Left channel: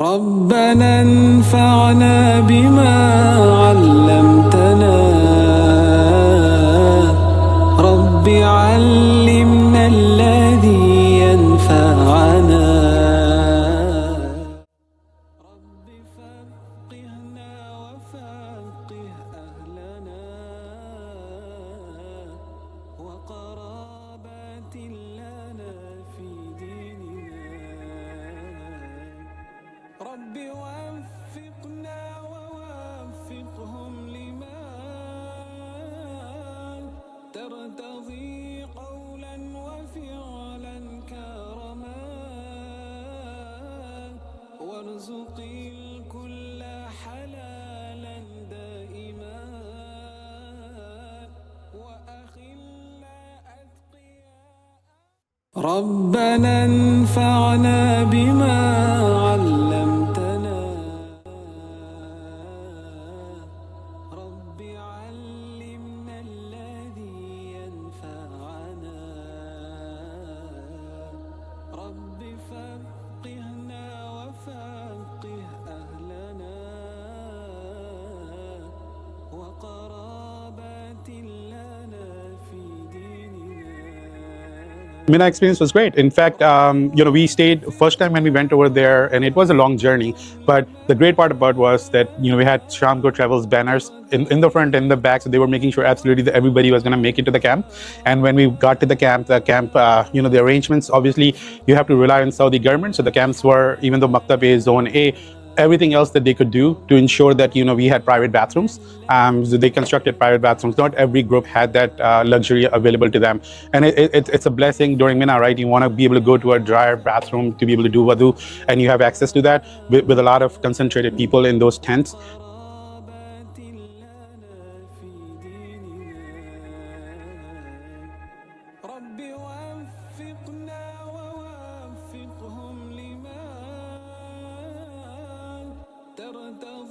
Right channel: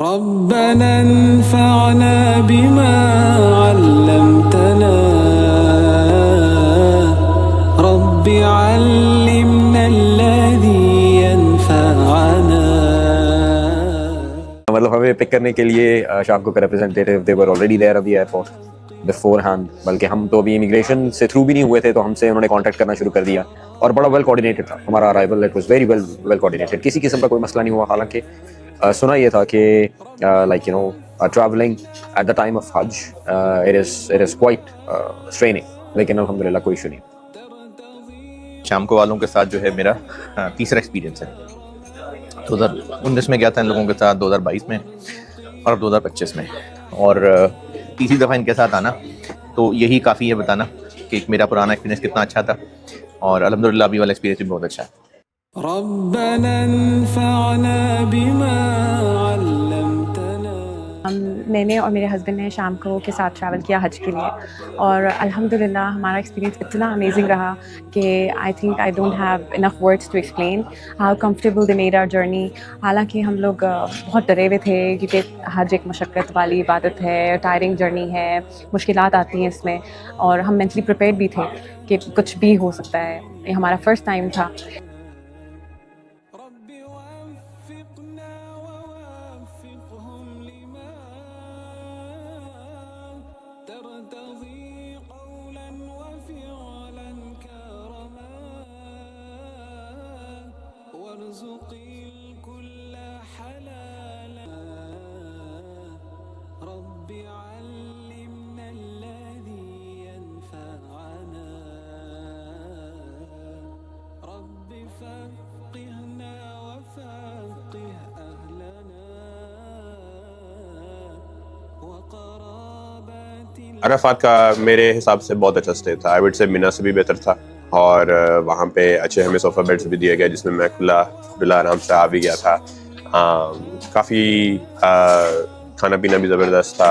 ربنا انفعنا بما علمتنا رب علمنا الذي ينفعنا. मतलब हमें पिक करने के लिए शाम को representative they were already there at the airport beforehand, बल्कि हम तो अभी इमिग्रेशन से थ्रू भी नहीं हुए थे, तो हमसे उन्होंने कांटेक्ट करना शुरू कर दिया और बड़ा वेल कोऑर्डिनेटेड था हमारा arrival. It was very well coordinated, किसी किस्म का कोई मसला नहीं हुआ. हालांकि सुना ये था कि like you know travelling at the time of हज इट इज क्वाइट स्ट्रेनिंग, लेकिन अल्हम्दुलिल्लाह कोई इशू नहीं. शाम को वालों के साथ जो है मेरा तीसरा एक्सपीरियंस है. 2019 में गया था इन लोगों के साथ, 2022 में और 2025 में, और तीसरी दफ़ा इनके साथ आना तो यही काफ़ी है बताना कि मेरा पुराना एक्सपीरियंस कितना अच्छा था, और अल्हम्दुलिल्लाह अभी वाला एक्सपीरियंस भी बहुत अच्छा है. रब्बना अन्फअना बिमा अल्लमतना. मैंने और मेरे हस्बैंड ने शाम को के साथ ट्रैवल किया हज के लिए, और अल्हम्दुलिल्लाह हमारा एक्सपीरियंस इतना अमेजिंग रहा कि I think I don't have enough words to explain how comfortable they made our journey. हालांकि हम लोग बहुत डरे हुए थे क्योंकि हज एक मशक्क़त वाली इबादत है, टायरिंग जर्नी है, मुश्किलात आती हैं इसमें, और हम मेंटली प्रिपेयर्ड भी थे कि कुछ भी हो सकता है. ये हमारा फर्स्ट टाइम था. Mina experience was great. In fact, we stayed first time when we went over there, and it was a long journey. But the great part about was that we had Shamco Travels banners in the front and in the back, so they were making sure absolutely that everybody was going to make it to the camp. And when we got to the camp, the arrangements, obviously you have to rely on Saudi government. So the camps were, even though Maktab is Zone A, everything else that they could do to ensure that we had private bathrooms. So they constructed private bathrooms. Not every group had that luxury available to them, and it's a blessing during Mina, right? You want to be able to go to a dryer bathroom to be able to do wudu, and you have access to that with a lot of concentrated people in those tents. Arafat का मेरे हिसाब से बहुत अच्छा stay था. I would say मिना से भी बेहतर था, और वहाँ पे अच्छे हमें सोफ़ा बेड्स भी दिए गए जिसमें मैं खुला आराम से आ भी गया था. काफ़ी खाना पीना भी ज़बरदस्त था,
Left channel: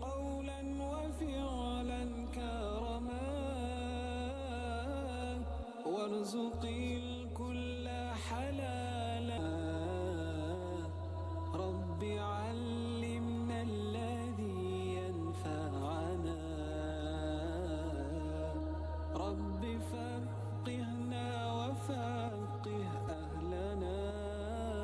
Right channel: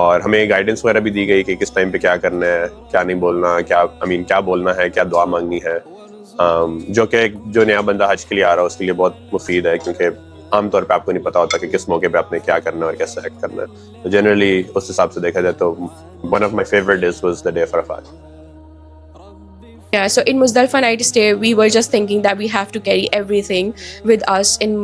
और हमें गाइडेंस वगैरह भी दी गई कि किस टाइम पे क्या करना है, क्या नहीं बोलना, क्या बोलना है, क्या दुआ मांगनी है, जो कि जो नया बंदा हज के लिए आ रहा है उसके लिए बहुत मुफीद है, क्योंकि आमतौर पे आपको नहीं पता होता कि किस मौके पे आपने क्या करना है और कैसे एक्ट करना है. तो जनरली उस हिसाब से देखा जाए तो one of my favourite days was the day of Arafat. Yeah, so in Muzdalifah night stay, we were just thinking that we have to carry everything with us in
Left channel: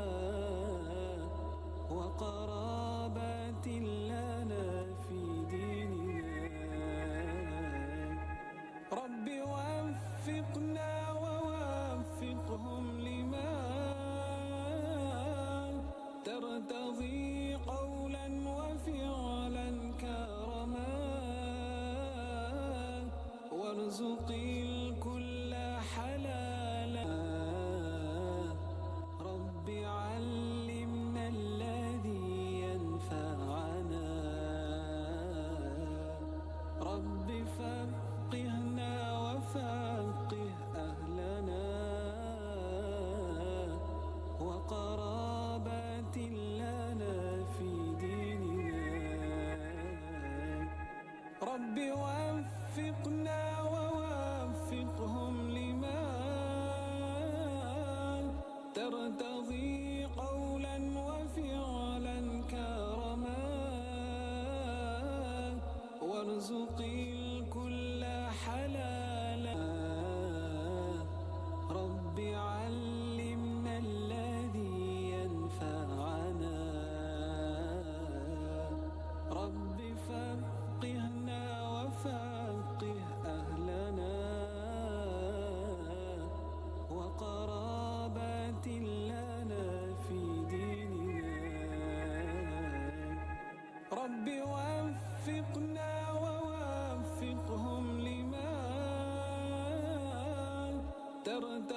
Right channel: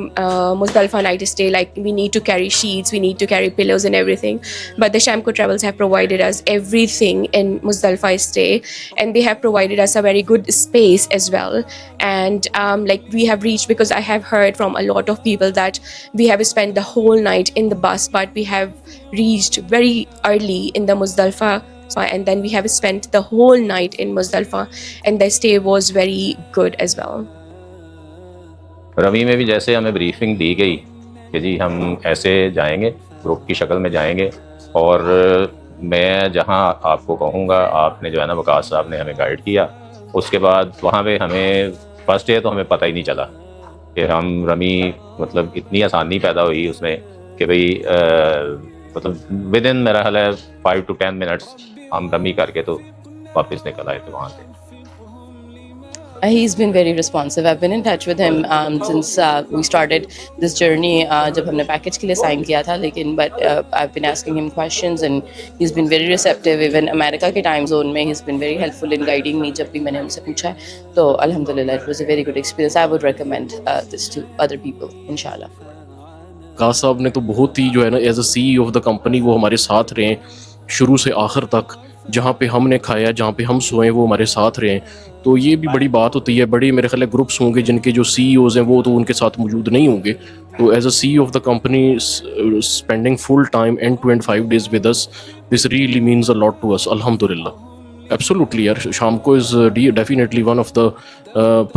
Muzdalifah night stay. Like we need to carry sheets, we need to carry pillows and everything. But the Shamco Travels have provided us everything in Muzdalifah stay, and they have provided us a very good space as well. And like we have reached, because I have heard from a lot of people that we have spent the whole night in the bus, but we have reached very early in the Muzdalifah. And then we have spent the whole night in Muzdalifah, and the stay was very good as well. रवी में भी जैसे हमें briefing दी गई कि जी हम ऐसे जाएंगे, group की शक्ल में जाएंगे, और मैं जहां आपको कहूँगा, आपने जो है ना वकास साहब ने हमें गाइड किया. उसके बाद वहाँ पे हमें फर्स्ट डे तो हमें पता ही नहीं चला कि हम रमी, मतलब इतनी आसानी पैदा हुई उसमें कि भाई मतलब विद इन मेरा ख्याल है 5 to 10 मिनट्स हम रमी करके तो वापस निकल आए थे वहाँ से. He's been very responsive. I've been in touch with him since we started this journey. जब हमने पैकेज के लिए साइन किया था, लेकिन but I've been asking him questions and he's been very receptive. Even America के टाइम जोन में he's been very helpful in guiding me जब भी मैंने उनसे पूछा है. तो अल्हम्दुलिल्लाह it was a very good experience. I would recommend this to other people, इंशाल्लाह. कास साहब ने तो बहुत ही जो है ना as a CEO of the company वो हमारे साथ रहे शुरू से आखिर तक. जहाँ पे हमने खाया, जहाँ पे हम सोए, वो हमारे साथ रहे. तो ये भी बड़ी बात होती है. बड़ी मेरे ख्याल ग्रुप्स होंगे जिनके जो CEOs हैं वो तो उनके साथ मौजूद नहीं होंगे. तो as a CEO of the company spending full time end to end 5 days with us, this really means a lot to us. Alhamdulillah. Absolutely यार, Shamco is definitely one of the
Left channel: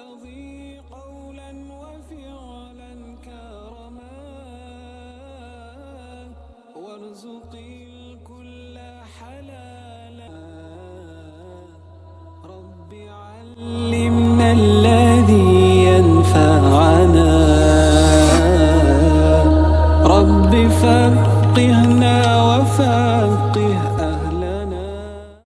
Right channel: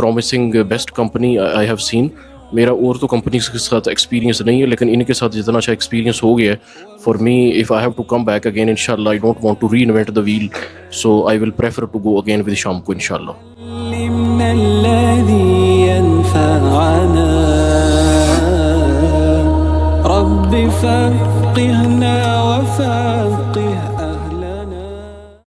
promising best company I have seen. मेरा और तो company के साथ experience नहीं है, लेकिन इनके साथ जितना अच्छा एक्सपीरियंस हो गया है for me, if I have to come back again इंशाल्लाह, I don't want to reinvent the wheel, so I will prefer to go again with शामको इंशाल्लाह. रब्बी फ़क़िहना व फ़क़िह